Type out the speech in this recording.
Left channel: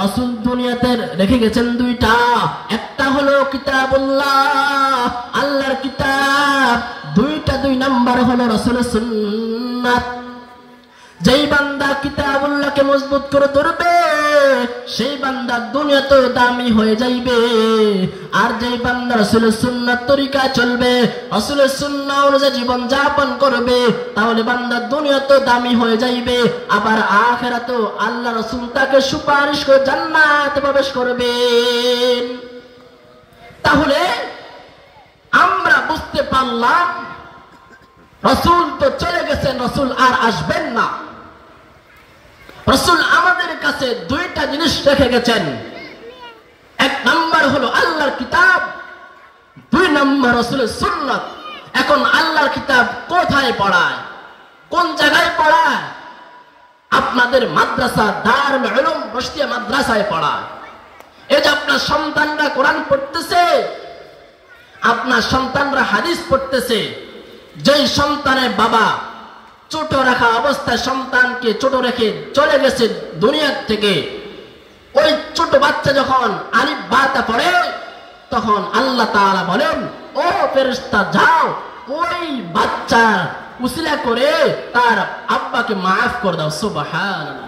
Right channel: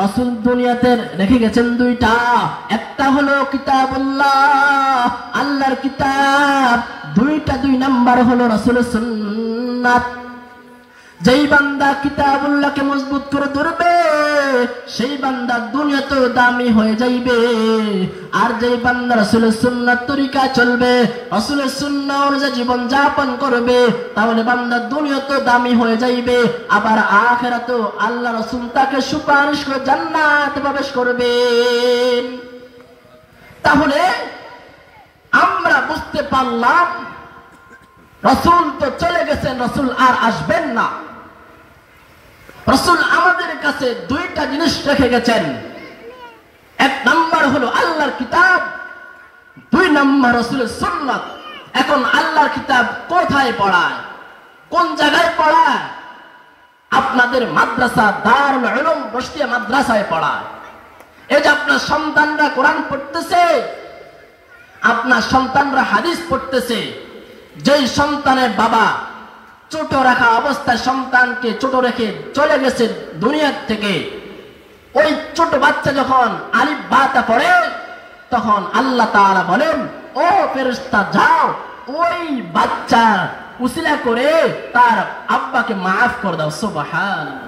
রাসূল দুনিয়াতে রেখে গেছেন দুইটা। একটা হলো কিতাবুল্লাহ, আল্লাহর কিতাব। দুই নাম্বার হলো রাসূলের সুন্নাত। যেই বান্দা কিতাবুল্লাহকে মজবুত করে ধরবে সেই বান্দা দুনিয়াতেও দামি হয়ে যাইবে। আর যেই বান্দা রাসূলের সুন্নাত তরিকা চলবে, রাসূলের সুন্নাহ অনুযায়ী জীবন যাপন করবে, তাহলে বান্দা দুনিয়াতেও দামি হয়ে যাইবে, আবার আখিরাতেও আল্লাহ রাসূল তাকে সুপারিশ করে জান্নাতে প্রবেশ করবেন। তাহলে আমরা বুঝতে পারলাম রাসূল তো চলে গেছেন, রাসূল আর আসবেন না। রাসূল আমাদের কাছে দুইটা জিনিস রেখে গেছেন। এক নাম্বার হলো আল্লাহর কিতাব, দুই নাম্বার রাসূলের সুন্নাত। এখন আল্লাহর কিতাব কোথায় পড়ায়, কোন জায়গায় পড়ায়? আপনাদের মাদ্রাসা দারুল উলুম বসতিয়া মাদ্রাসায় পড়ায়। এই যে আপনার সন্তানরা কোরআন পড়তেছে, আপনার সন্তানরা হাদিস পড়তেছে। যেই সন্তানের বাবা ছোট রাখা অবস্থায় সন্তানকে ছোট রেখে চলে গেছে দুনিয়ার থেকে, ওই ছোট বাচ্চা যখন আলিফ বা তা পড়ে, তখন আল্লাহ তাআলা বলেন, ও ফেরেশতা যাও ওই বাচ্চার উসিলা করে তার আব্বাকে মাফ করে দাও। সুবহানাল্লাহ।